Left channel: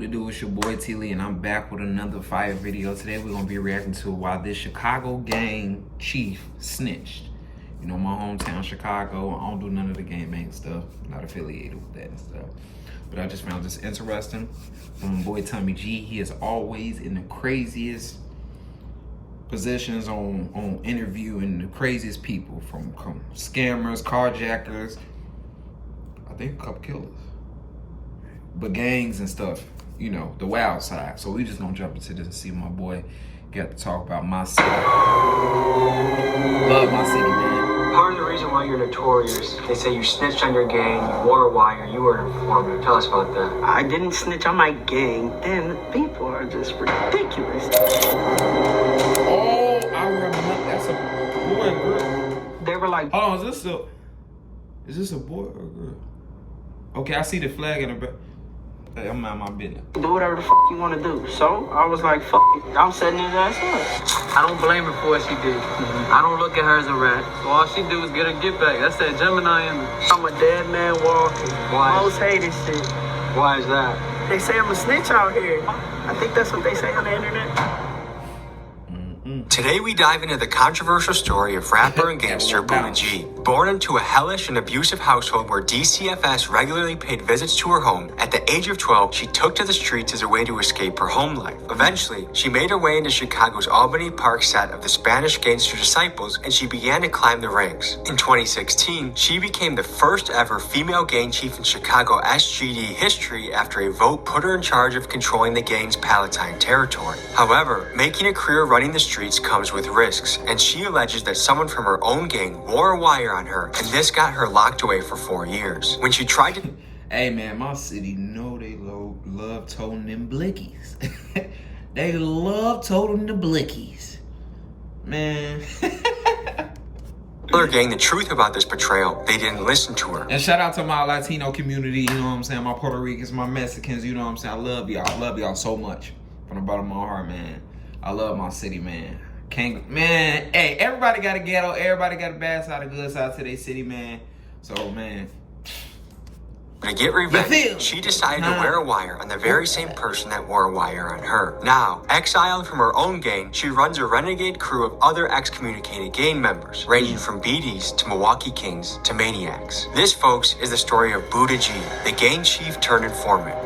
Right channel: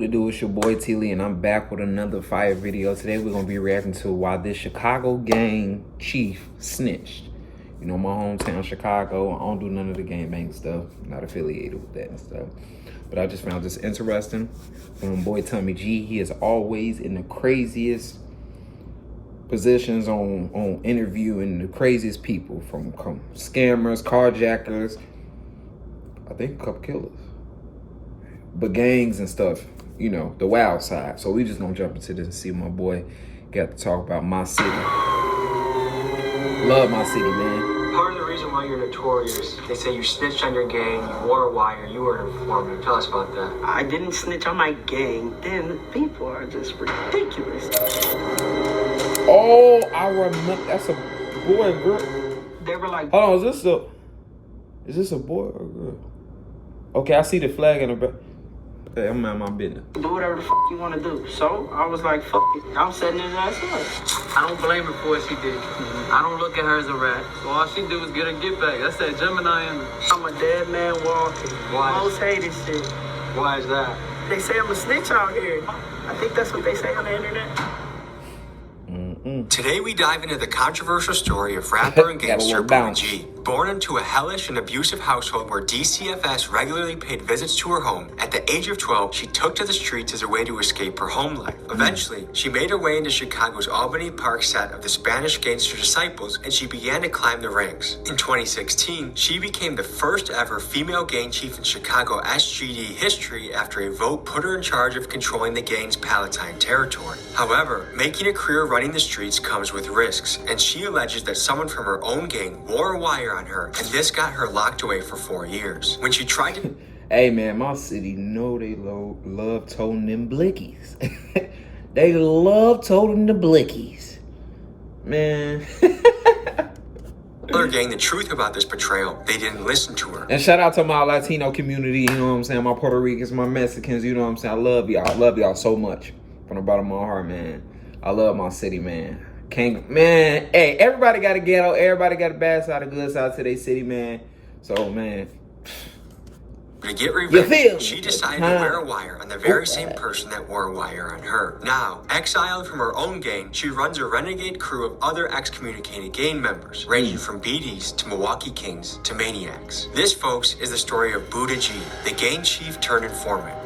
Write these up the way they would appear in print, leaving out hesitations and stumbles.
To do, it's your boy T-Lee, and I'm back with another fire video. Today we're gonna be reacting to why this Chicago gang chief snitched. You know, my hometown Chicago. I don't do none of the gangbang stuff. Not affiliated with that and stuff. But I just found this interesting. Boy Tommy G, he is always in the craziest positions on interviewing the craziest people, from scammers, carjackers, I think a couple killers, but gangs and stuff. You know, the wild side. So we just gonna jump into this and see my boy got to talk about my city. Love my city, man. Part of the reason why you're notorious, they say you snitched on your gang, wore a wire, you were an informant. Tell us about that. I didn't snitch on my gang, and people are just ridiculous. Oh, I remember. That's a boy or girl? They were like, hold on, is this a boy or a girl? Okay, I see the flag in the back. Hey, I'm out of my business. Do whatever the fuck you want to do. So I was like, fuck it. I'm setting his ass up. I don't blame her for what she did. I don't look at her as a rat. All she do is get her get back. That's that Gemini in me. I'm a dead man walking. Why? Most hated shit. Why is that? They say I'm a snitch out here. I think that's what they say on the internet. Today we dive into the controversial story of rapper and gangster Buddha G. Born into a hellish and abusive household where DCFS regularly paid visits to her home, at the age of 12, she took to the streets as a way to escape her home life. Eventually, she made her way into Chicago's Albany Park set of the Spanish Gangster Disciples, and she began to climb the ranks. In 2016, she became the first ever female gang chief in Chicago SGD history after a vote put her in charge of controlling the gang's Palatine territory. However, making a career running the streets comes with risks, and she alleges that someone from her own gang wore a wire on her, and this got her locked away for 4 years. When she tried to... Hey man, my city know they love toting them blickies. They love toting the blickies. Man. Her gang the truth about this betrayal, they didn't listen to her. And shout out to my Latino community, you know what I'm saying? My Puerto Ricans, my Mexicans, you know what I'm saying? I love y'all. I love y'all so much. From the bottom of my heart, man. I love my city, man. Man, hey, everybody got a ghetto. Everybody got a bad side, a good side to their city, man. So, man. To get revenge, she decided to wear a wire on the very same person that wore a wire on her. Now, exiled from her own gang, she runs a renegade crew of other excommunicated gang members, ranging from BDs to Milwaukee Kings to maniacs. This, folks, is the story of Buddha G, the gang chief turned informant.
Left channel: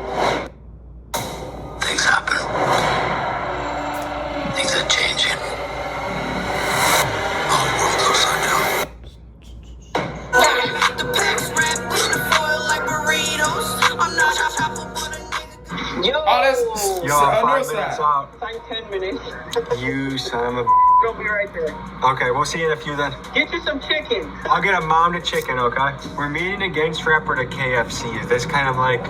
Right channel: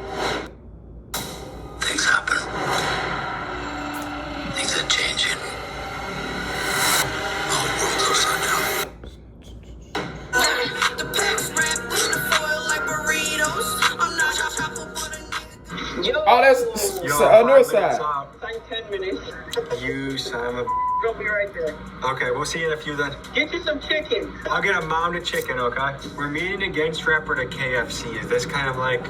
Things happen. Things are changing. Our world upside down. Oh, that's on your side. Like 10 minutes. You son of a... Go be right there. Okay, we'll see you in a few then. Get you some chicken. I'll get a mom to chicken, okay? We're meeting a gangster rapper at KFC. Is this kind of like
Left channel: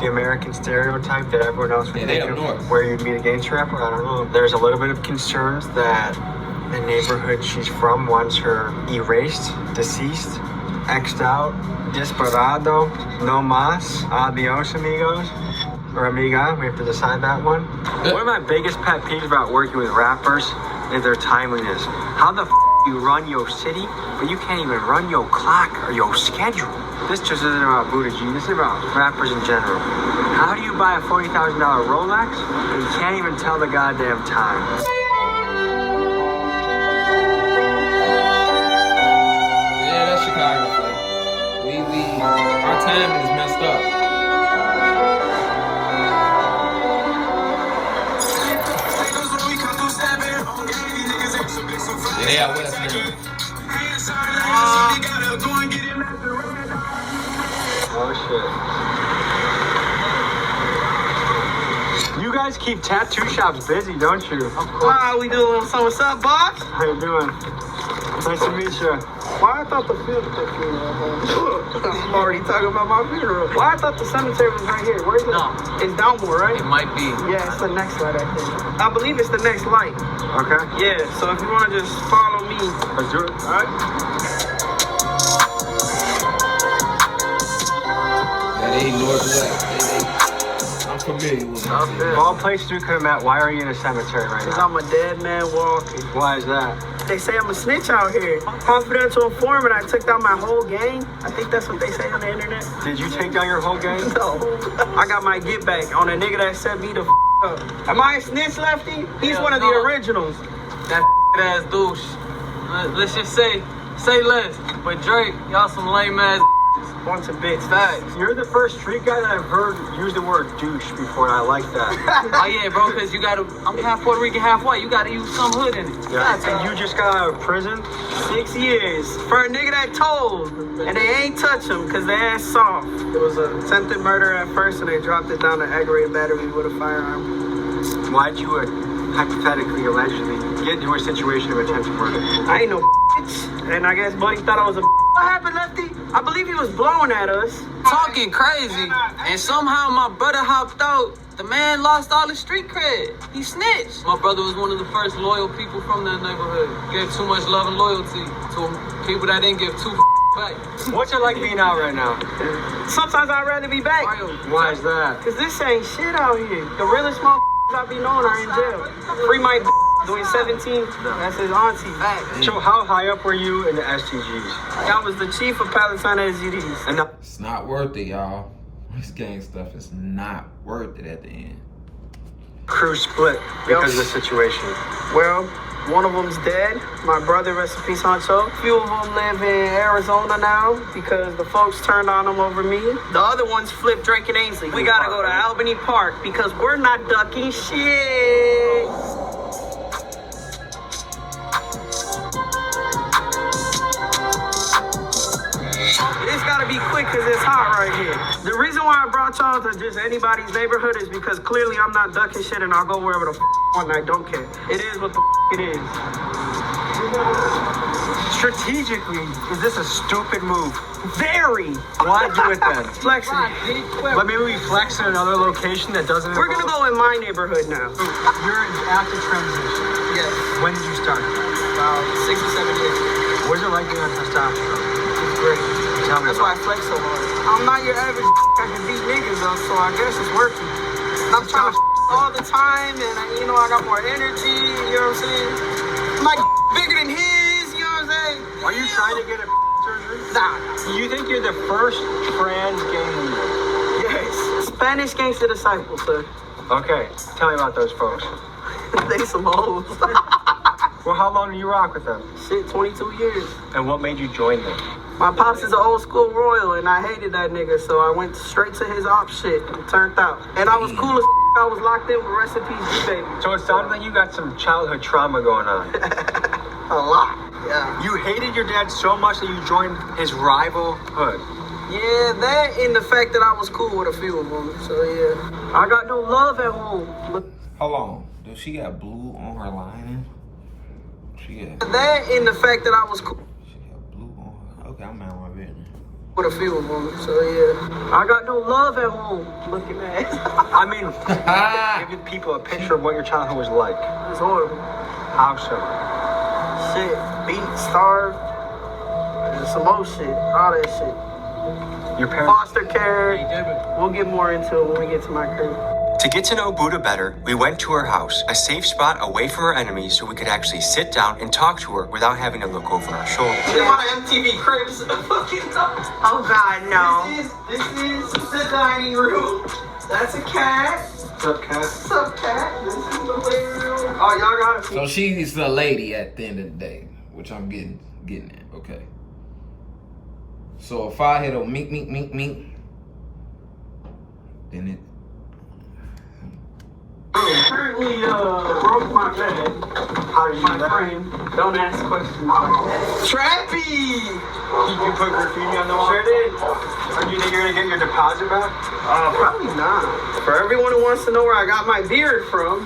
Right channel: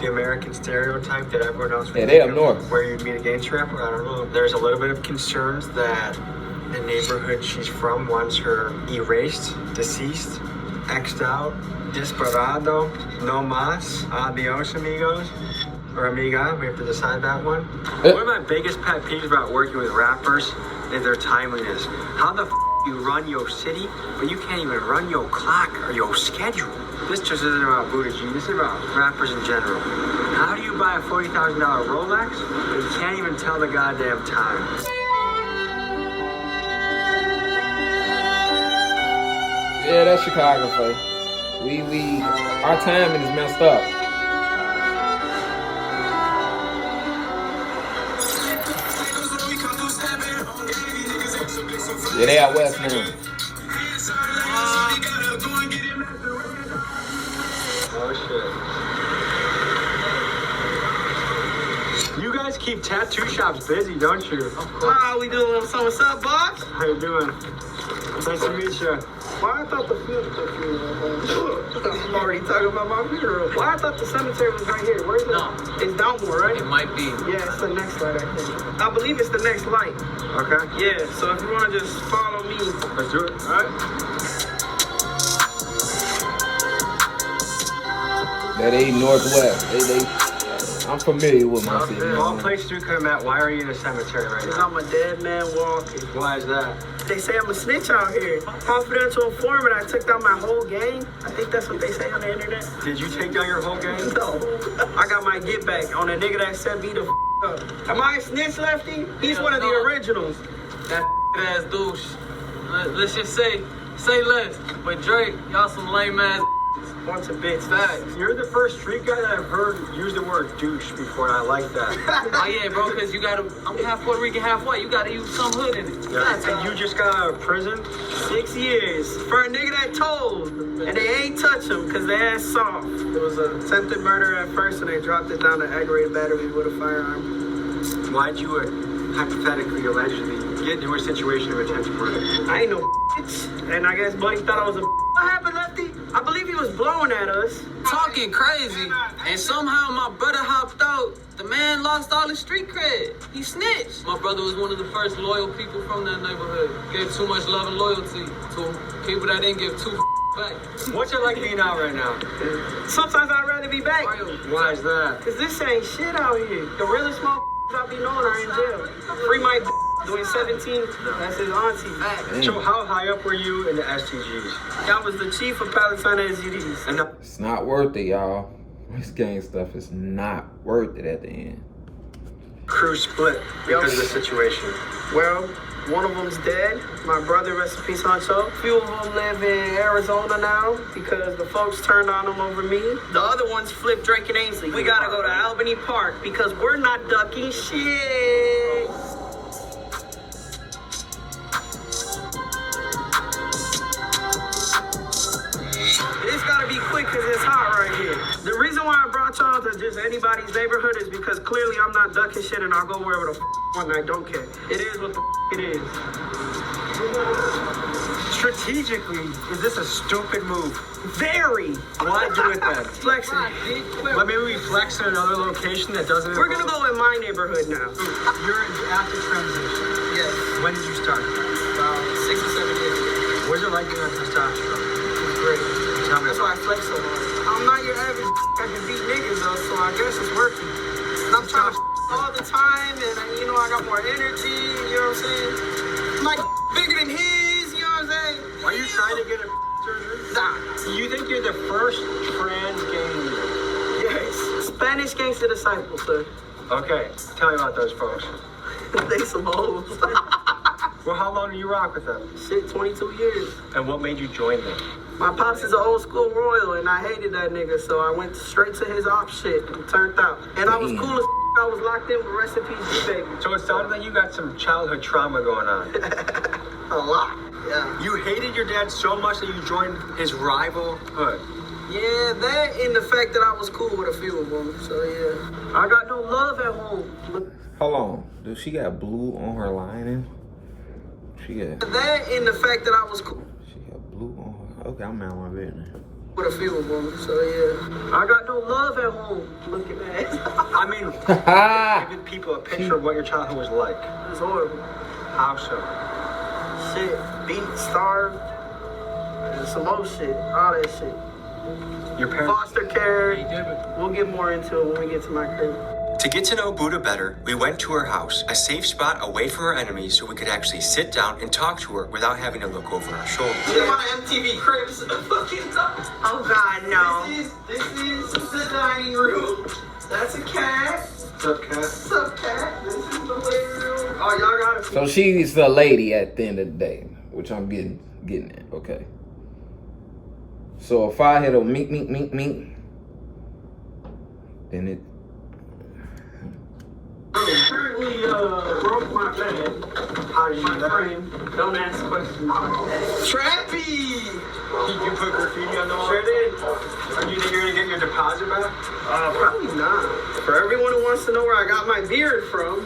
the American stereotype that everyone else would Yeah, they up north. where you'd meet a gangster rapper? I don't know. There's a little bit of concerns that the neighborhood she's from wants her erased, deceased, X'd out, desperado, no más, adios amigos. Or amiga, we have to decide that one. One of my biggest pet peeves about working with rappers is their timeliness. How the you run your city, but you can't even run your clock or your schedule. This just isn't about Buddha G, this is about rappers in general. How do you buy a $40,000 Rolex and you can't even tell the goddamn time? Yeah, that's Chicago play. Our timing is messed up. Yeah, they out west now. Oh shit. You guys keep tattoo shops busy, don't you? Wow, we doing so what's up, boss? How you doing? Nice to meet you. Why I thought the funeral took I'm already talking about my funeral. Why I thought the cemetery was right here. Where's it? No. It's downward, right? It might be. Yeah, it's the next light, I think. I believe it's the next light. Okay. Yeah, so if you want to just follow me. Let's do it. Alright? Yeah, they northwest. I'm familiar with my city. Of all places we could have met, why are you in a cemetery right now? I'm a dead man walking. Why is that? They say I'm a snitch out here. Confidential informant, I took down my whole gang. I think that's what they say on the internet. Did you take down your whole gang? No. I got my get back on a nigga that set me the up. Am I a snitch, Lefty? He's one of the originals. That ass douche. Let's just say less. But Drake, y'all some lame ass. Bunch of bitch. Facts. You're the first street guy that I've heard use the word douche before, and I like that. Oh yeah, bro, because you gotta, I'm half Puerto Rican, half white. You gotta use some hood in it. Yeah. And you just got out of prison? 6 years. For a nigga that told. And they ain't touch him because they ass soft. It was an attempted murder at first, and they dropped it down to aggravated battery with a firearm. Why'd you hypothetically, allegedly, get into a situation of attempted murder? I ain't no bitch. And I guess Buddy thought I was a What happened, Lefty? I believe he was blowing at us. Talking crazy. And somehow my brother hopped out. The man lost all his street cred. He snitched. My brother was one of the first loyal people from that neighborhood. Gave too much love and loyalty to people that didn't give two back. What's it like being out right now? Sometimes I'd rather be back. Why is that? Because this ain't shit out here. The realest motherfuckers I be knowing are in jail. Free my doing 17. That's his auntie. So how high up were you in the STGs? I was the chief of Palatine SGDs. And It's not worth it, y'all. This gang stuff is not worth it at the end. crew split because of the situation. Well, one of them's dead. My brother, rest in peace, Honcho. A few of them live in Arizona now because the folks turned on them over me. The other ones flipped Drake and Ainsley. We gotta go to Albany Park because we're not ducking shit. It's gotta be quick because it's hot right here. The reason why I brought y'all to just anybody's neighborhood is because clearly I'm not ducking shit and I'll go wherever the and I don't care. It is what the it is. Strategically, is this a stupid move? Very. Why do it then? Flexing. But maybe we flex in another location that doesn't. We're gonna go in my neighborhood now. You're after transition. Yes. When did you start? About 6 or 7 years. What's it like being on testosterone? It's great. Tell me That's why I flex so hard. I'm not your average I can beat niggas up, so I guess it's working. And I'm trying to all the time, and you know I got more energy. You know what I'm saying? I'm like bigger than his. You know what I'm saying? Are you trying to get a surgery? Nah. You think you're the first trans gang leader? Yes. Spanish gangster disciple, sir. Okay, tell me about those folks. They some hoes. Well, how long do you rock with them? Shit, 22 years. And what made you join them? My pops is an old school royal, and I hated that nigga, so I went straight to his op shit and turned out. And I was cool as I was locked in with rest in peace, baby. So it sounds like you got some childhood trauma going on. A lot. Yeah. You hated your dad so much that you joined his rival hood. Yeah, that and the fact that I was cool with a few of them. So yeah, I got no love at home. Hold on. Does she got blue on her lining? She got That and the fact that I was cool blue on her. Okay, I'm out of my business. with a few of them. So yeah, I got no love at home. Look at that. I mean, give people a picture of what your childhood was like. It's horrible. How so? Shit, beat, starved, and some more shit, all that shit. Your parents. Foster care. We'll get more into it when we get to my crib. To get to know Buddha better, we went to her house, a safe spot away from her enemies so we could actually sit down and talk to her without having to look over our shoulders. They want an MTV Cribs. Oh God, no. This is the dining room. That's a cat. What's up, cat? What's up, cat? This is the living room. Oh, y'all got So she's a lady at the end of the day, which I'm getting at. Okay. So if I hit a meet, then it. Currently, broke my bed. How did you My know? frame. Don't ask questions. Trappy! You put graffiti on the wall? Sure did. And you think you're gonna get your deposit back? Probably not. For everyone who wants to know where I got my beard from.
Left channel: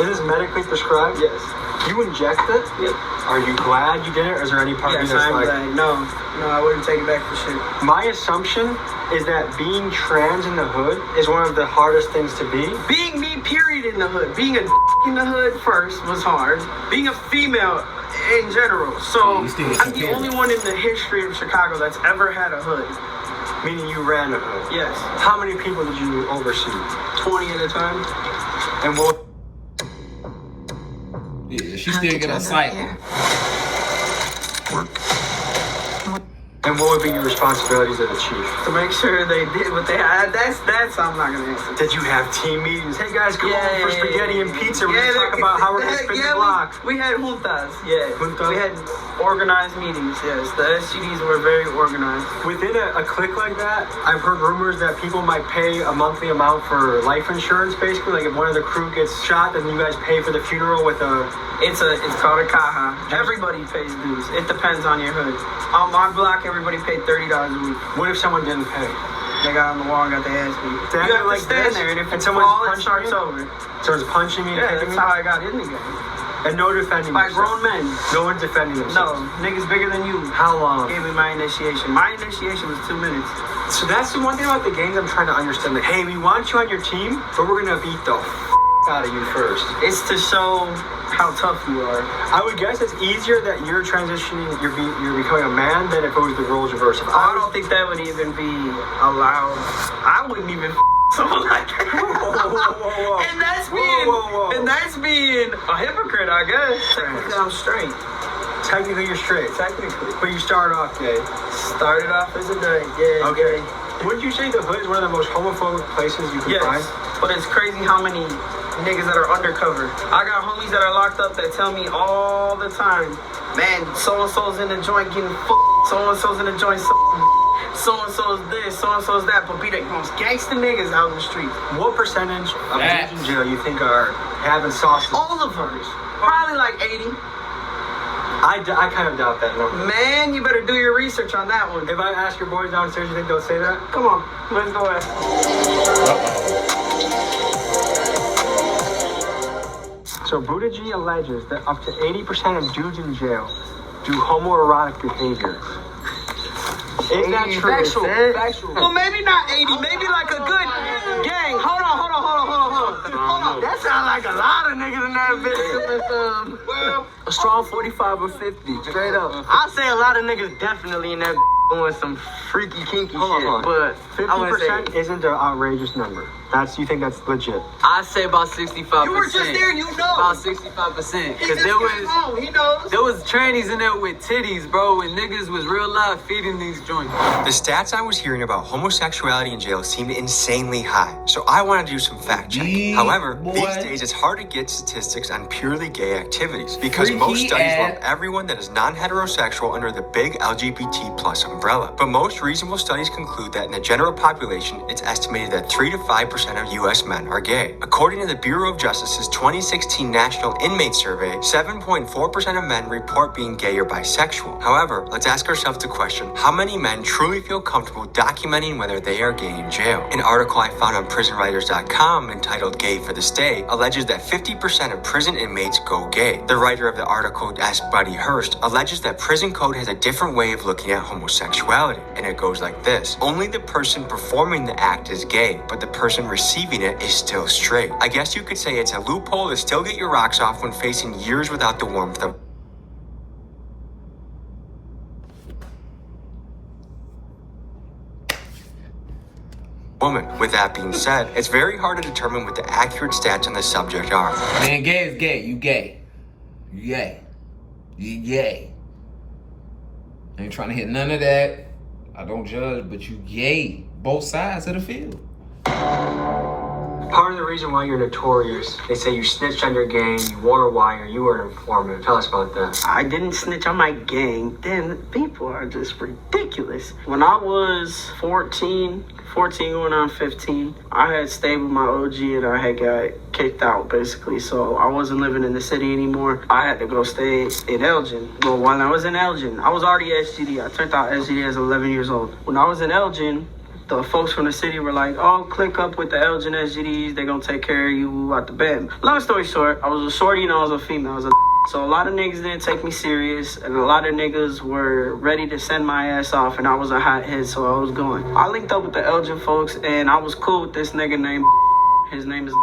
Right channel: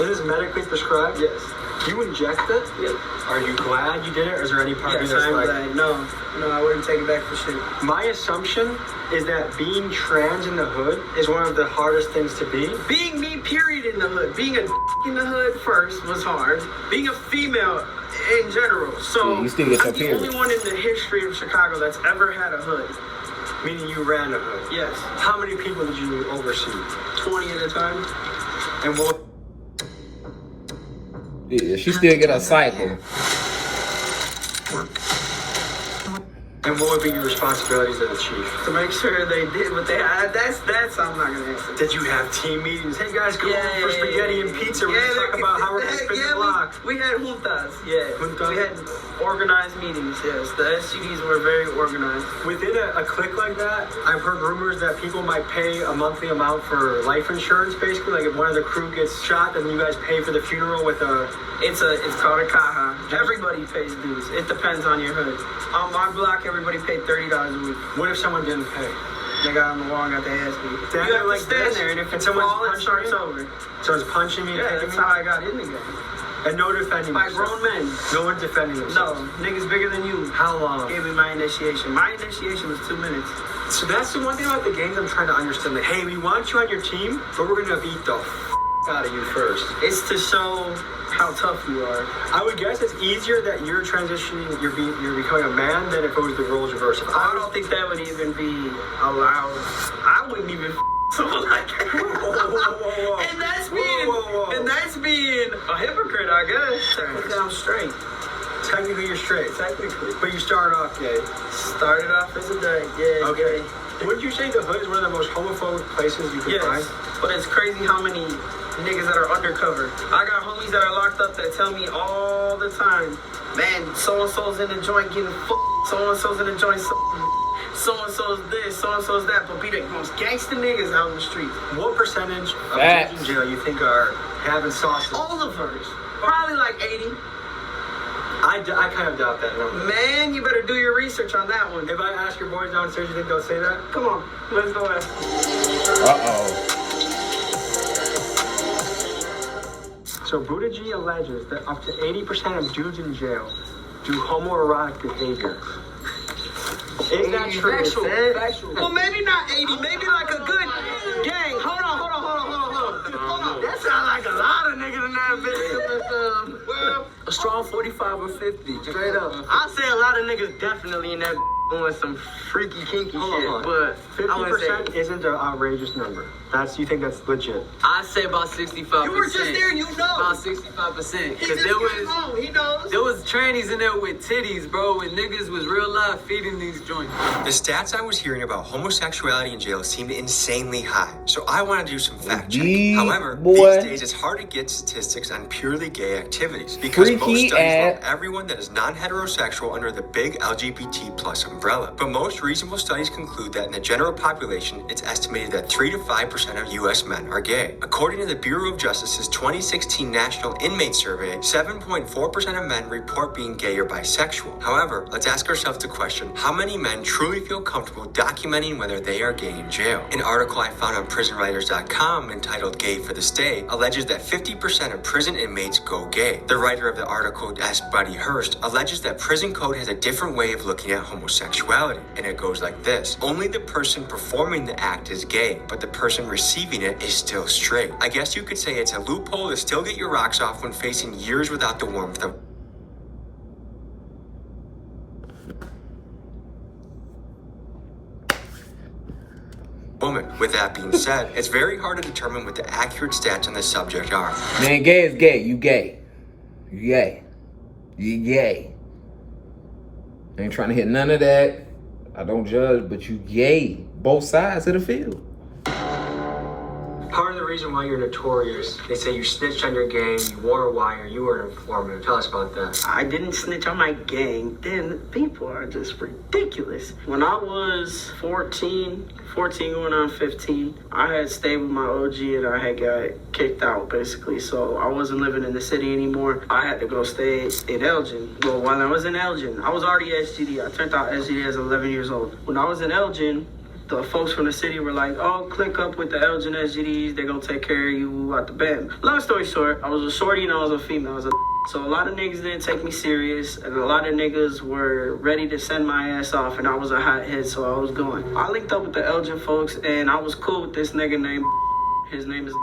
Is this medically prescribed? Yes. You inject it? Yeah. Are you glad you did it, or is there any part of Yes, you that's I'm like... glad. No, I wouldn't take it back for shit. My assumption is that being trans in the hood is one of the hardest things to be. Being me, period, in the hood. Being a in the hood first was hard. Being a female in general. So Yeah, you still get I'm some the only period. one in the history of Chicago that's ever had a hood. Meaning you ran the hood. Yes. How many people did you oversee? 20 at a time. And what... Yeah, she still get a cycle. And what would be your responsibilities as a chief? To make sure they did what they had. That's I'm not gonna answer. Did you have team meetings? Hey guys, come on for spaghetti and pizza. We're gonna talk about how we're gonna spin the block. We had juntas. Yeah, Juntas? we had organized meetings. Yes, the SGDs were very organized. Within a clique like that, I've heard rumors that people might pay a monthly amount for life insurance. Basically, like if one of the crew gets shot, then you guys pay for the funeral with a. It's called a caja. Everybody pays dues. It depends on your hood. On my block, everybody paid $30 a week. What if someone didn't pay? They got on the wall and got their ass beat. Exactly You have to like stand this. there, and if And it's someone's all, it punching starts you? over. Someone's punching me. Yeah, hitting that's me, how I got in the game. And no defending. Like yourself. grown men. No one's defending themselves. No, niggas bigger than you. How long? Gave me my initiation. My initiation was 2 minutes. So that's the one thing about the games I'm trying to understand. That hey, we want you on your team, but we're gonna beat the out of you first. It's to show how tough you are. I would guess it's easier that you're transitioning, you're becoming a man than if it was the roles reversed. I don't think that would even be allowed. I wouldn't even someone like that. Whoa. And that's Whoa. being, and that's being a hypocrite, I guess. Technically, I'm straight. Technically, you're straight. Technically. But you started off gay. Started off as a gay. Yeah. Okay. Wouldn't you say the hood is one of the most homophobic places you can find? Yes. But it's crazy how many niggas that are undercover. I got homies that are locked up that tell me all the time, man, so-and-so's in the joint getting fucked. So-and-so's in the joint so-and-so's this, so-and-so's that, but be the most gangster niggas out in the street. What percentage of Facts. in jail you think are having sausage? All of us. Probably like 80. I kind of doubt that number. Man, you better do your research on that one. If I ask your boys downstairs, you think they'll say that? Come on, let's go ask. So Buddha G alleges that up to 80% of dudes in jail do homoerotic behavior. Is that true? Factual. Well, maybe not 80, maybe like a good gang. Hold on. That sounds like a lot of niggas in that bitch. Well, a strong 45 or 50, straight up. I'd say a lot of niggas definitely in that doing some freaky, kinky shit, but 50% isn't an outrageous number. You think that's legit? I'd say about 65%. you were just there, you know. About 65%. He Because just came home, he knows. there was trannies in there with titties, bro, and niggas was real live feeding these joints. The stats I was hearing about homosexuality in jail seemed insanely high, so I wanted to do some fact checking. However, these days it's hard to get statistics on purely gay activities because most studies lump everyone that is non-heterosexual under the big LGBT plus umbrella. But most reasonable studies conclude that in the general population, it's estimated that 3 to 5% of U.S. men are gay. According to the Bureau of Justice's 2016 National Inmate Survey, 7.4% of men report being gay or bisexual. However, let's ask ourselves the question, how many men truly feel comfortable documenting whether they are gay in jail? An article I found on prisonwriters.com entitled Gay for the Stay alleges that 50% of prison inmates go gay. The writer of the article, Ask Buddy Hurst, alleges that prison code has a different way of looking at homosexuality, and it goes like this. Only the person performing the act is gay, but the person receiving it is still straight. I guess you could say it's a loophole to still get your rocks off when facing years without the warmth of woman. With that being said, it's very hard to determine what the accurate stats on the subject are. Man, gay is gay. You gay. You gay. You gay. I ain't trying to hit none of that. I don't judge, but you gay. Both sides of the field. Part of the reason why you're notorious, they say you snitched on your gang, you wore a wire, you were an informant. Tell us about that. I didn't snitch on my gang. Then people are just ridiculous. When I was 14 going on 15, I had stayed with my OG and I had got kicked out basically. So I wasn't living in the city anymore. I had to go stay in Elgin. But when I was in Elgin, I was already SGD. I turned out SGD as 11 years old. When I was in Elgin, the folks from the city were like, oh, click up with the Elgin SGDs. They're going to take care of you at the bed. Long story short, I was a shorty and I was a female. So a lot of niggas didn't take me serious, and a lot of niggas were ready to send my ass off, and I was a hot head, so I was going. I linked up with the Elgin folks, and I was cool with this nigga named his name is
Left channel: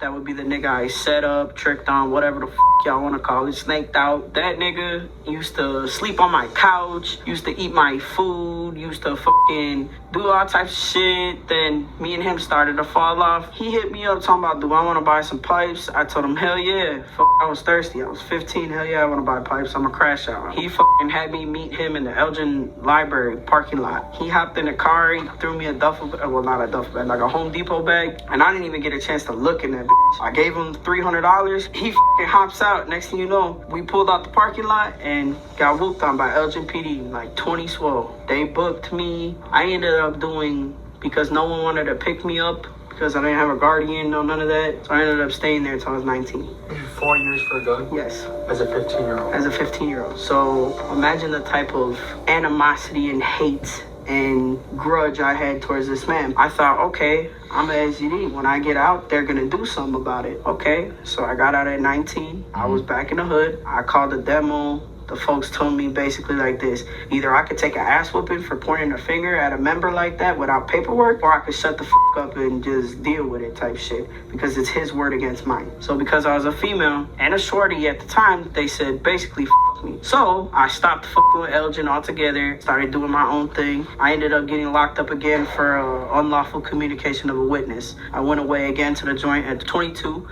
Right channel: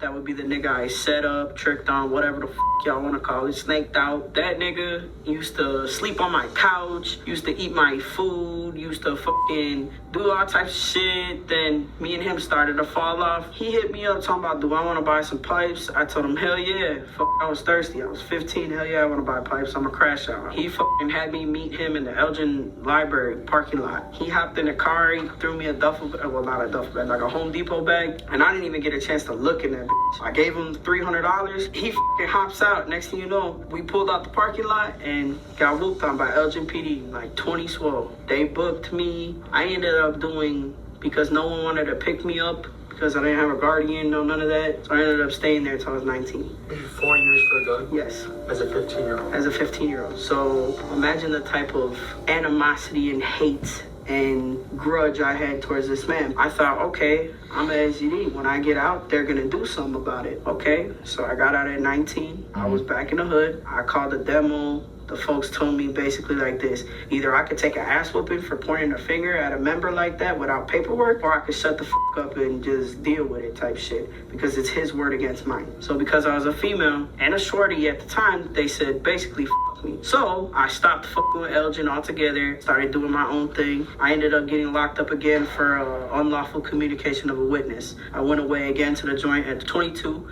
That would be the nigga I set up, tricked on, whatever the y'all want to call it, snaked out. That nigga used to sleep on my couch, used to eat my food, used to fucking do all types of shit. Then me and him started to fall off. He hit me up talking about, do I want to buy some pipes? I told him, hell yeah. I was thirsty. I was 15. Hell yeah, I want to buy pipes. I'm a crash out. He fucking had me meet him in the Elgin Library parking lot. He hopped in the car, he threw me a duffel bag, well, not a duffel bag, like a Home Depot bag, and I didn't even get a chance to look in that bitch. I gave him $300. He fucking hops out. Next thing you know, we pulled out the parking lot and got whooped on by Elgin PD, like 20 swole. They booked me. I ended up doing, because no one wanted to pick me up, because I didn't have a guardian, no none of that. So I ended up staying there until I was 19. 4 years for a gun? Yes. As a 15-year-old? As a 15-year-old. So imagine the type of animosity and hate and grudge I had towards this man. I thought, okay, I'm an SGD. When I get out, they're gonna do something about it. Okay, so I got out at 19. I was back in the hood. I called the demo. The folks told me basically like this: either I could take an ass whooping for pointing a finger at a member like that without paperwork, or I could shut the fuck up and just deal with it type shit, because it's his word against mine. So because I was a female and a shorty at the time, they said basically fuck me. So I stopped fucking with Elgin altogether, started doing my own thing. I ended up getting locked up again for unlawful communication of a witness. I went away again to the joint at 22.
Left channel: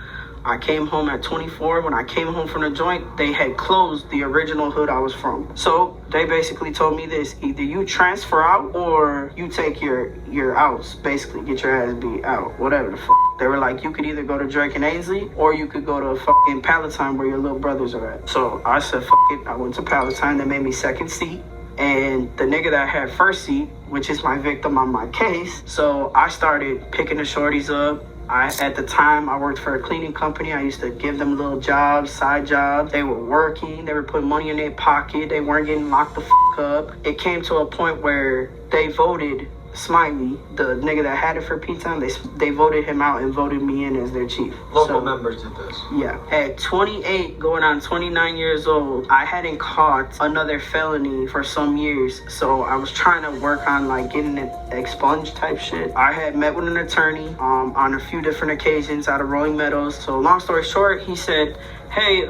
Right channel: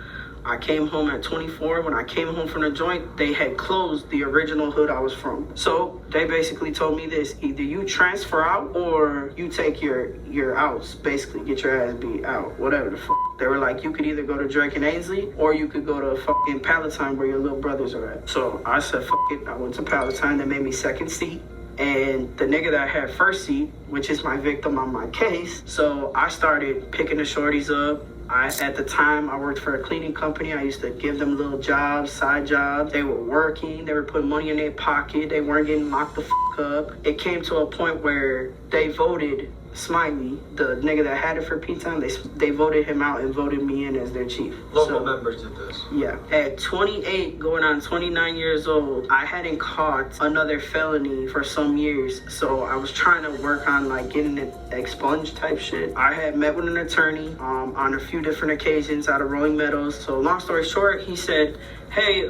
I came home at 24. When I came home from the joint, they had closed the original hood I was from. So they basically told me this: either you transfer out or you take your outs, basically get your ass beat out, whatever the fuck. They were like, you could either go to Drake and Ainsley or you could go to fucking Palatine where your little brothers are at. So I said, fuck it. I went to Palatine. They made me second seat. And the nigga that had first seat, which is my victim on my case, so I started picking the shorties up. At the time, I worked for a cleaning company. I used to give them little jobs, side jobs. They were working. They were putting money in their pocket. They weren't getting locked the fuck up. It came to a point where they voted Smiley, the nigga that had it for P-Town, they voted him out and voted me in as their chief. Local members did this? Yeah. At 28, going on 29 years old, I hadn't caught another felony for some years, so I was trying to work on like getting it expunged type shit. I had met with an attorney on a few different occasions out of Rolling Meadows. So long story short, he said, hey,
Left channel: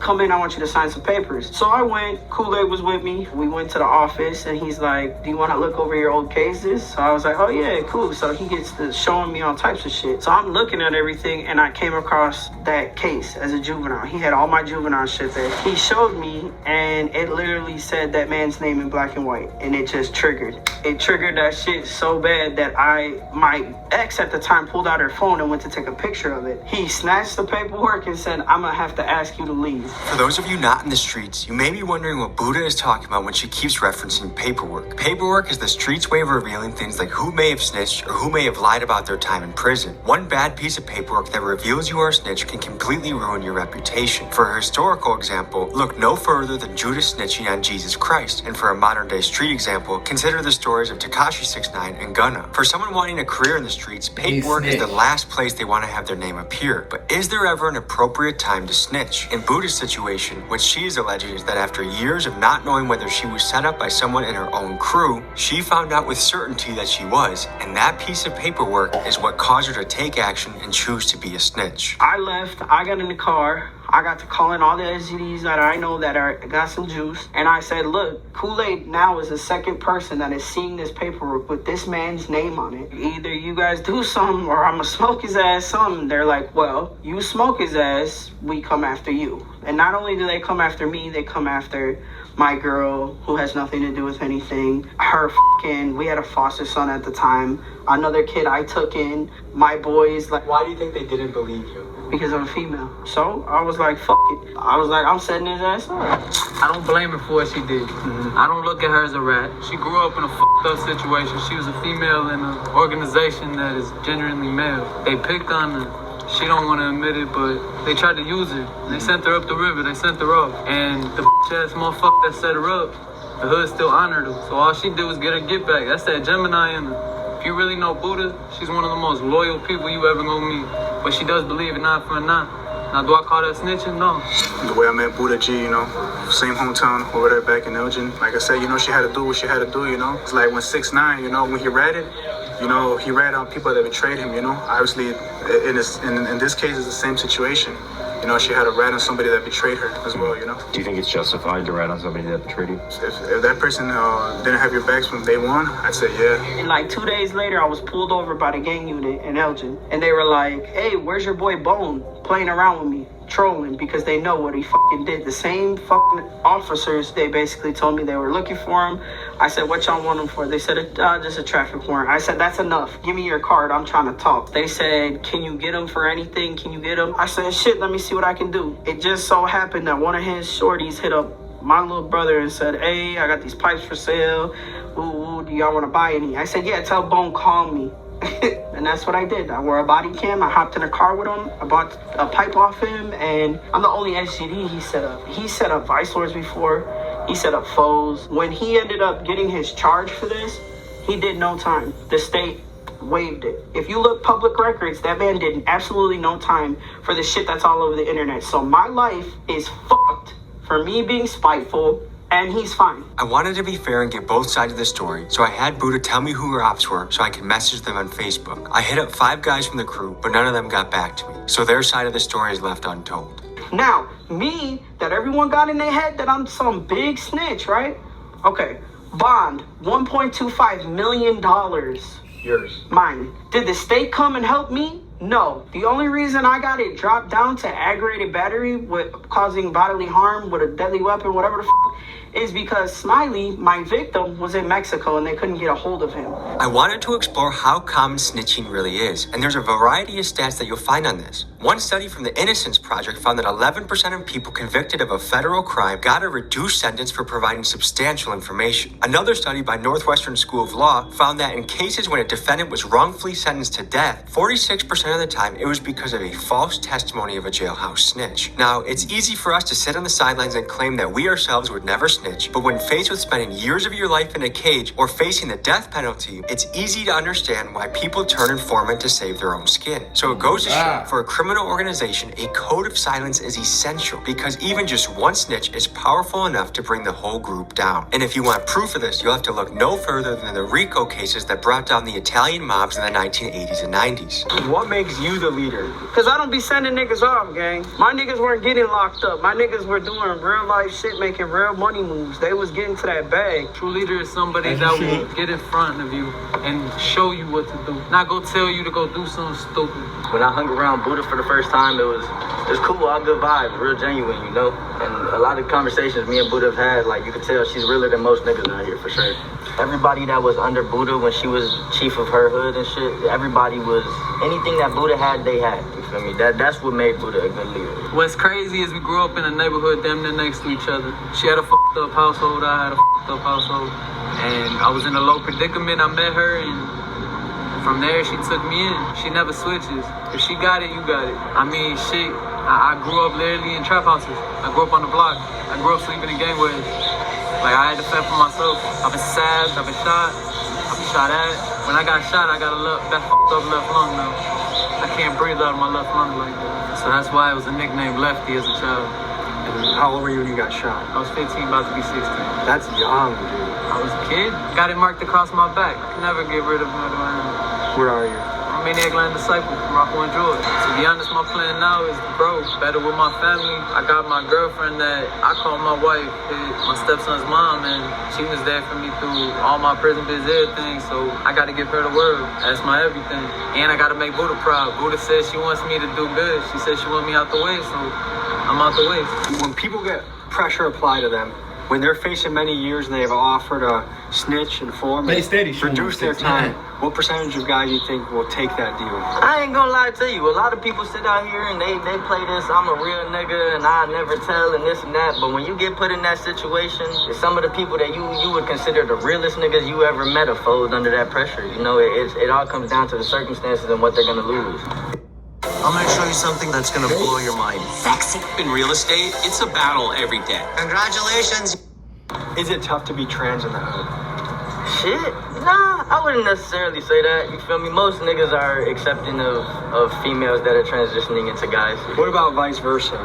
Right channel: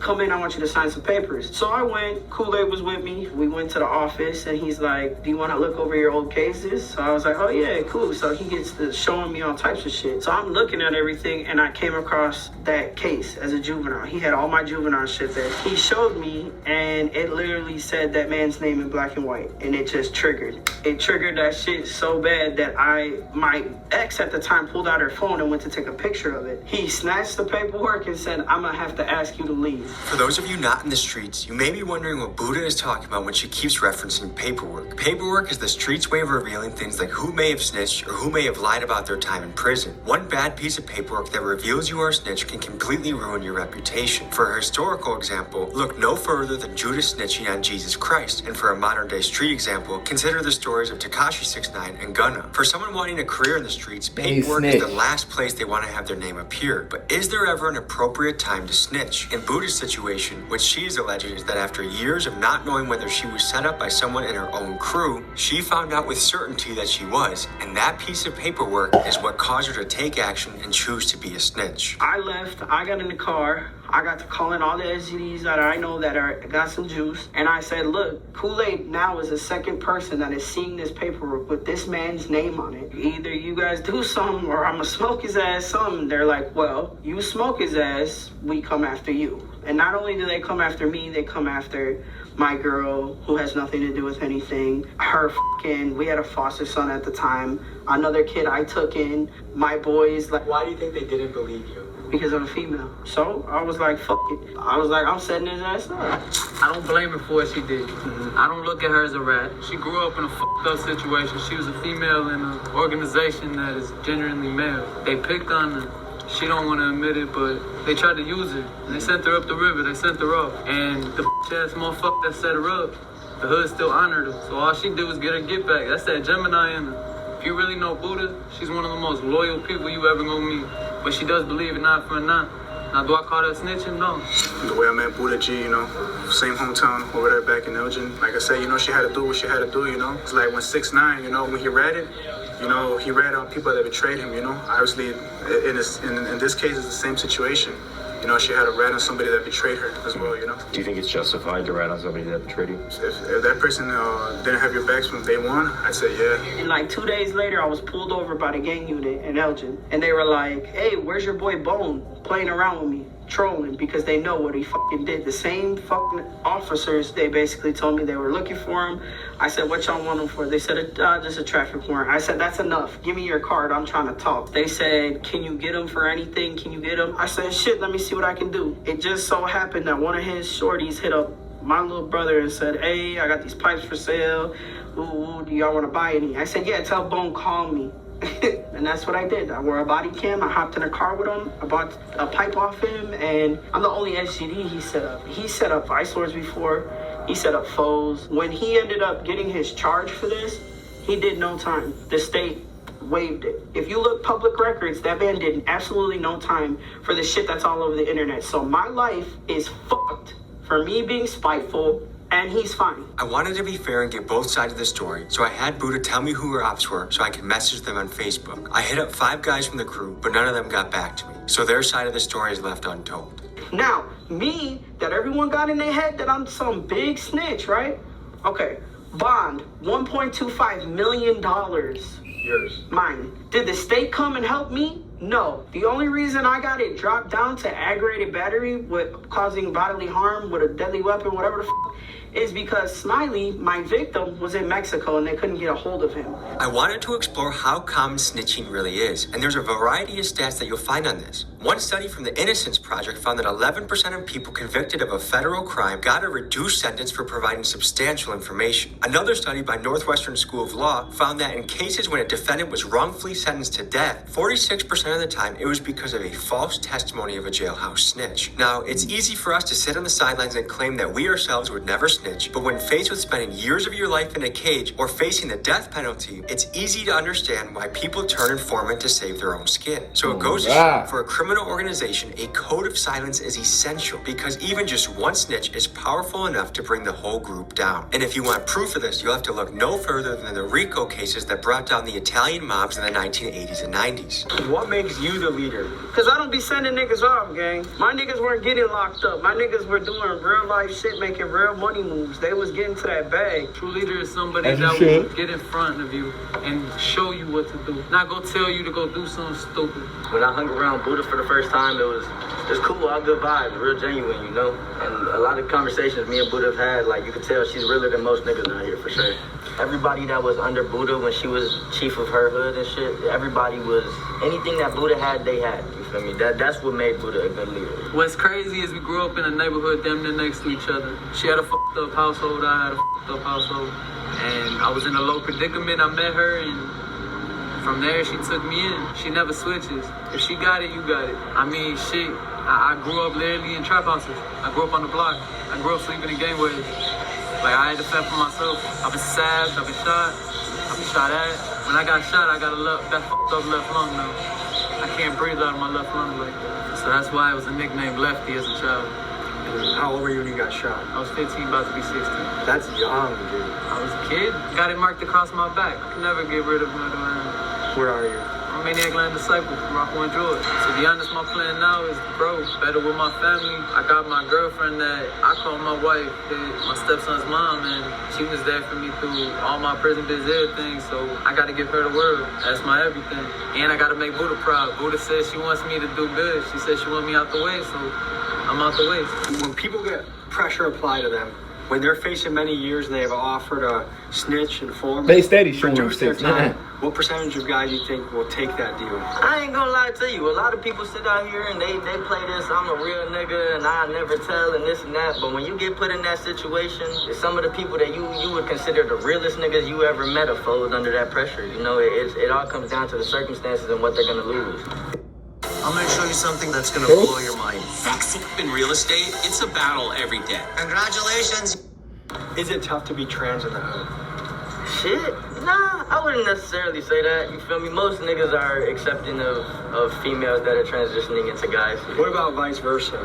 come in, I want you to sign some papers. So I went, Kool-Aid was with me. We went to the office and he's like, do you want to look over your old cases? So I was like, oh yeah, cool. So he gets to showing me all types of shit. So I'm looking at everything and I came across that case as a juvenile. He had all my juvenile shit there. He showed me and it literally said that man's name in black and white, and it just triggered. It triggered that shit so bad that my ex at the time pulled out her phone and went to take a picture of it. He snatched the paperwork and said, I'm gonna have to ask you to leave. For those of you not in the streets, you may be wondering what Buddha is talking about when she keeps referencing paperwork. Paperwork is the streets' way of revealing things like who may have snitched or who may have lied about their time in prison. One bad piece of paperwork that reveals you are a snitch can completely ruin your reputation. For a historical example, look no further than Judas snitching on Jesus Christ. And for a modern day street example, consider the stories of Tekashi 6ix9ine and Gunna. For someone wanting a career in the streets, paperwork is the last place they want to have their name appear. But is there ever an appropriate time to snitch? In Buddha's situation, what she is alleging is that after years of not knowing whether she was set up by someone in her own crew, she found out with certainty that she was, and that piece of paperwork is what caused her to take action and choose to be a snitch. I left, I got in the car, I got to calling all the SGDs that I know that got some juice, and I said, look, Kool-Aid now is the second person that is seeing this paperwork with this man's name on it. Either you guys do something or I'm gonna smoke his ass something. They're like, well, you smoke his ass, we come after you. And not only do they come after me, they come after my girl, who has nothing to do with anything. We had a foster son at the time. Another kid I took in. My boys. Like, why do you think they didn't believe you? Because I'm a female. So I was like, fuck it. I was like, I'm setting his ass up. I don't blame her for what she did. I don't look at her as a rat. She grew up in a fucked up situation. She was a female in an organization that is genuinely male. They picked on her. She don't want to admit it, but they tried to use her. They sent her up the river. They sent her off. And the ass motherfucker that set her up, the hood still honored her. So all she did was get her get back. That's that Gemini in her. If you really know Buddha, she's one of the most loyal people you ever gonna meet. But she does believe in not for not. Now, do I call that snitching? No. The way I met Buddha G, same hometown over there back in Elgin. Like I said, she had to do what she had to do, It's like when 6ix9ine, when he read it, You know, he ran on people that betrayed him, you know. Obviously, in this case, it's the same situation. You know, she had to rat on somebody that betrayed her as well, you know. Do you think it's justified to rat on somebody that betrayed you? If that person didn't have your backs from day one, I'd say yeah. And like 2 days later, I was pulled over by the gang unit in Elgin. And they were like, hey, where's your boy Bone? Playing around with me, trolling, because they know what he fucking did. The same fucking officers, they basically told me they were looking for him. I said, what y'all want him for? They said, just a traffic warrant. I said, that's enough. Give me your card. I'm trying to talk. They said, can you get him for anything? Can you get him? I said, shit, let me see what I can do. It just so happened that one of his shorties hit up my little brother and said, hey, I got these pipes for sale. Ooh, do y'all want to buy any? I said, yeah, tell Bone, call me. And that's what I did. I wore a body cam. I hopped in a car with him. I bought a pipe off him, and I'm the only SGD he set up. He set up vice lords before. He set up foes. When he ended up getting his charge for this, he did no time. The state waived it. If you look public records, that man did absolutely no time for the shit that's all over the internet. So my life is fucked for me being spiteful, and he's fine. I wanted to be fair and get both sides of the story, so I had Buddha tell me who her ops were so I could message them on Facebook. I hit up 5 guys from the crew, but none of them got back to me, so their side of the story is left untold. Now, me, that everyone got in their head that I'm some big snitch, right? Okay, bond, $1.25 million. Yours. Mine. Did the state come and help me? No. The only reason I got it dropped down to aggravated battery with causing bodily harm with a deadly weapon, whatever the is because Smiley, my victim, was in Mexico and they couldn't get a hold of him. I wanted to explore how common snitching really is, and there's a variety of stats that you'll find on this. One study from the Innocence Project found that 11% of people convicted of a federal crime got a reduced sentence for providing substantial information. Another study by Northwestern School of Law found that in cases when a defendant was wrongfully sentenced to death, 46% of the time it was because of a false testimony of a jailhouse snitch. Now, it's easy for us to sit on the sidelines and claim that we ourselves would never snitch, but when faced with spending years of your life in a cage or facing the death penalty, it's easy to understand why people turn informant to save their own skin. So it goes to show, for a criminal organization, a code of silence is essential because even just one snitch is powerful enough to bring the whole group down. And if you want proof of this, you'll have to look no further than the RICO cases that brought down the Italian mobs in the 1980s and 90s. What makes you the leader? Because I don't be sending niggas off, gang. My niggas weren't getting locked up. My niggas were doing real life shit, making real money moves. They was getting to that bag. True leader is somebody that will get in front of you and show you what to do. Not go tell you to go do something stupid. When I hung around Buddha for the first time, it was cool, all good vibes, real genuine, you know? And a lot of conversations me and Buddha have had, like, you can tell she's realer than most niggas out here, for sure. Everybody that was under Buddha when she was chief of her hood and shit, everybody was, anything that Buddha had, they had, you feel me? That's what made Buddha a good leader. What's crazy is we grew up in a neighborhood damn near next to each other. She had a fucked up household, I had a fucked up household. And I was in a low predicament, I met her, and from there, she took me in. She never switches. If she got it, you got it. I mean, shit, I grew up literally in trap houses. I grew up on the block. I grew up sleeping in gangways. Like, I had to fend for myself. I've been stabbed, I've been shot, I've been shot at. When I got shot, I got that fucked up left lung now. I can't breathe out of my left lung like that. So that's why it was a nickname Lefty as a child. How old were you when you got shot? I was 15, about to be 16. That's young, dude. I was a kid, got it marked across my back. Never get rid of it. Where are you? I'm Maniac Land Disciple from Rockland, Georgia. To be honest, my plan now is to grow better with my family. I got my girlfriend that I call my wife, my stepson's mom, and she was there for me through all my prison biz, everything. So I got to give her the world. That's my everything. And I got to make Buddha proud. Buddha says she wants me to do good. She said she wants me out the way, so I'm out the way. When people get pressure applied to them, when they're facing many years and they've offered a snitch and form, they steady showing reduce their 6'9". time, what percentage of guys you think will take that deal? I ain't gonna lie to you. A lot of people sit out here and they play this, I'm a real nigga and I never tell and this and that. But when you get put in that situation, some of the people that you would consider the realest niggas you ever met are fold under that pressure. You know, it all comes down to the circumstances and what they're gonna lose. I'm gonna show you something that's gonna blow your mind. Sexy. In real estate, it's a battle every day. Congratulations. Is it tough to be trans in the hood? Shit. Nah, I wouldn't necessarily say that. You feel me? Most niggas are accepting of females that are transitioning into guys. What about vice versa?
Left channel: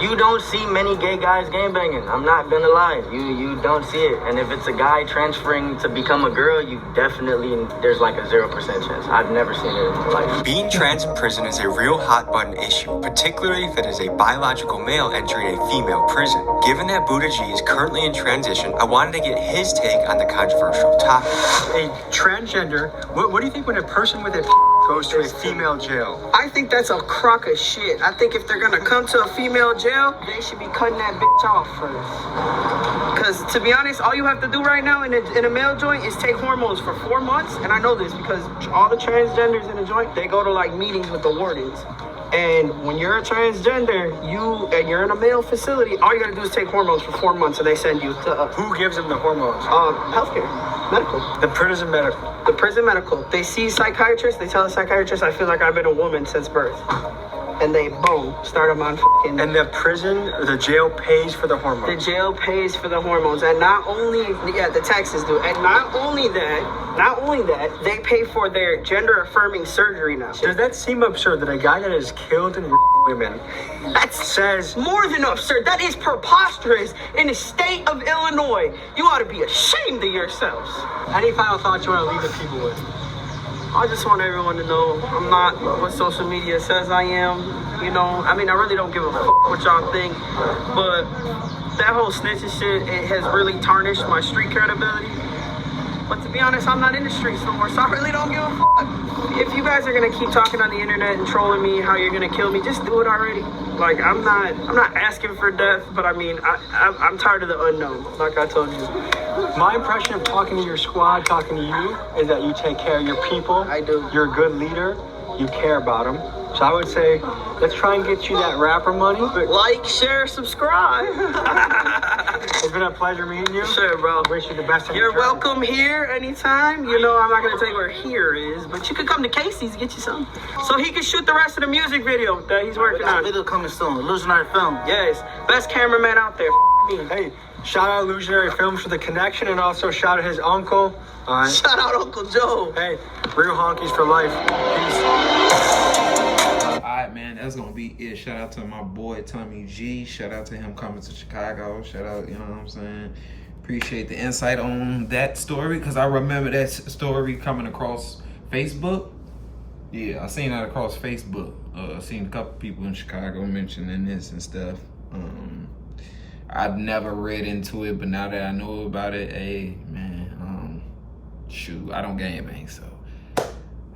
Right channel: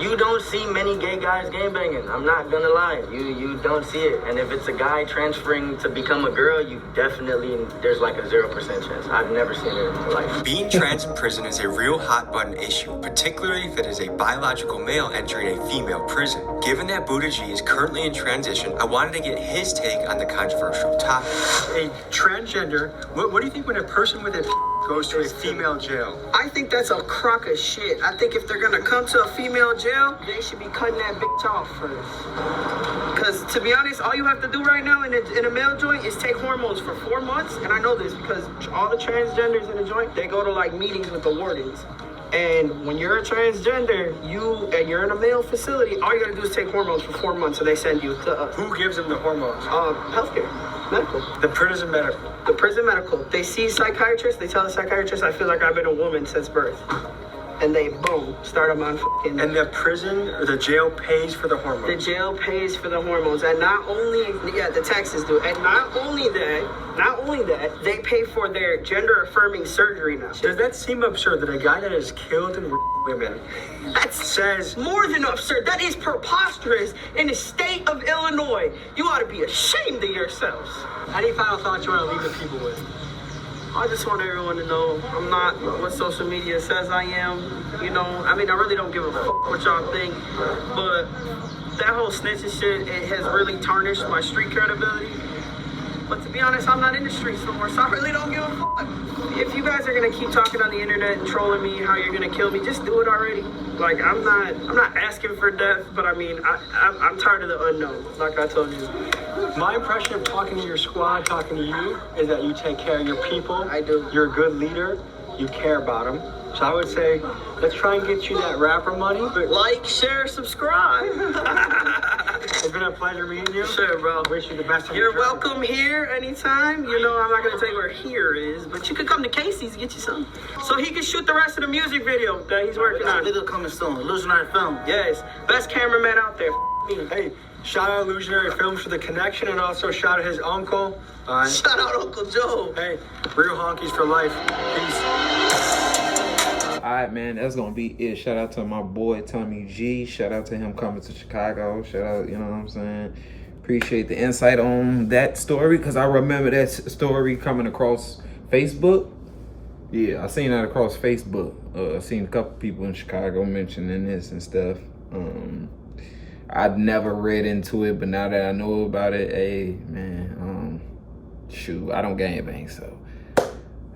You don't see many gay guys gangbanging. I'm not gonna lie. You don't see it. And if it's a guy transferring to become a girl, you definitely, there's like a 0% chance. I've never seen it in my life. Being trans in prison is a real hot button issue, particularly if it is a biological male entering a female prison. Given that Buddha G is currently in transition, I wanted to get his take on the controversial topic. A transgender, what do you think when a person with a goes to a female jail? I think that's a crock of shit. I think if they're gonna come to a female jail, they should be cutting that bitch off first. Because to be honest, all you have to do right now in a male joint is take hormones for 4 months. And I know this because all the transgenders in the joint, they go to like meetings with the wardens. And when you're a transgender, you're in a male facility, all you gotta do is take hormones for 4 months and they send you to us. Who gives them the hormones? Healthcare, medical. The prison medical. The prison medical. They see psychiatrists, they tell the psychiatrist, I feel like I've been a woman since birth. And they, boom, start them on fucking... And the prison, or the jail pays for the hormones. The jail pays for the hormones. And not only, the taxes do, and not only that, they pay for their gender-affirming surgery now. Does that seem absurd that a guy that has killed and women that says more than absurd? That is preposterous in the state of Illinois. You ought to be ashamed of yourselves. Any final thoughts you want to leave the people with? I just want everyone to know I'm not what social media says I am. You know, I mean, I really don't give a fuck what y'all think, but that whole snitching shit, it has really tarnished my street credibility. But to be honest, I'm not in the streets no more, so I really don't give a fuck. If you guys are gonna keep talking on the internet and trolling me how you're gonna kill me, just do it already. Like, I'm not asking for death, but I mean, I'm tired of the unknown, like I told you. My impression of talking to your squad, talking to you, is that you take care of your people. I do. You're a good leader. You care about them. So I would say, let's try and get you that rapper money. Like, share, subscribe. It's been a pleasure meeting you. Sure, bro. I wish you the best. You're welcome here anytime. You know, I'm not going to tell you where here is, but you can come to Casey's, get you some. So he can shoot the rest of the music video that he's working on. Video coming soon. Illusionary Film. Yes. Best cameraman out there. Hey, shout out Illusionary Films for the connection, and also shout out his uncle. Shout out Uncle Joe. Hey, real honkies for life. Peace. Alright, man, that's gonna be it. Shout out to my boy Tommy G. Shout out to him coming to Chicago. Shout out, you know what I'm saying? Appreciate the insight on that story, because I remember that story coming across Facebook. Yeah, I seen that across Facebook. I seen a couple people in Chicago mentioning this and stuff. I've never read into it, but now that I know about it, hey, man, shoot, I don't gangbang, so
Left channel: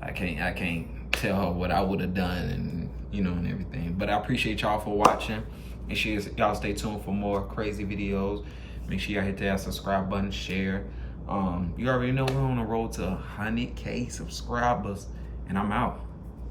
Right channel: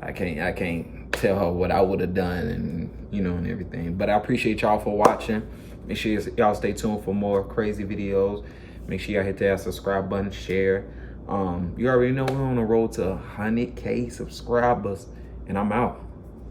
I can't tell her what I would have done, and you know, and everything. But I appreciate y'all for watching. Make sure y'all stay tuned for more crazy videos. Make sure y'all hit that subscribe button, share. You already know we're on the road to 100K subscribers, and I'm out.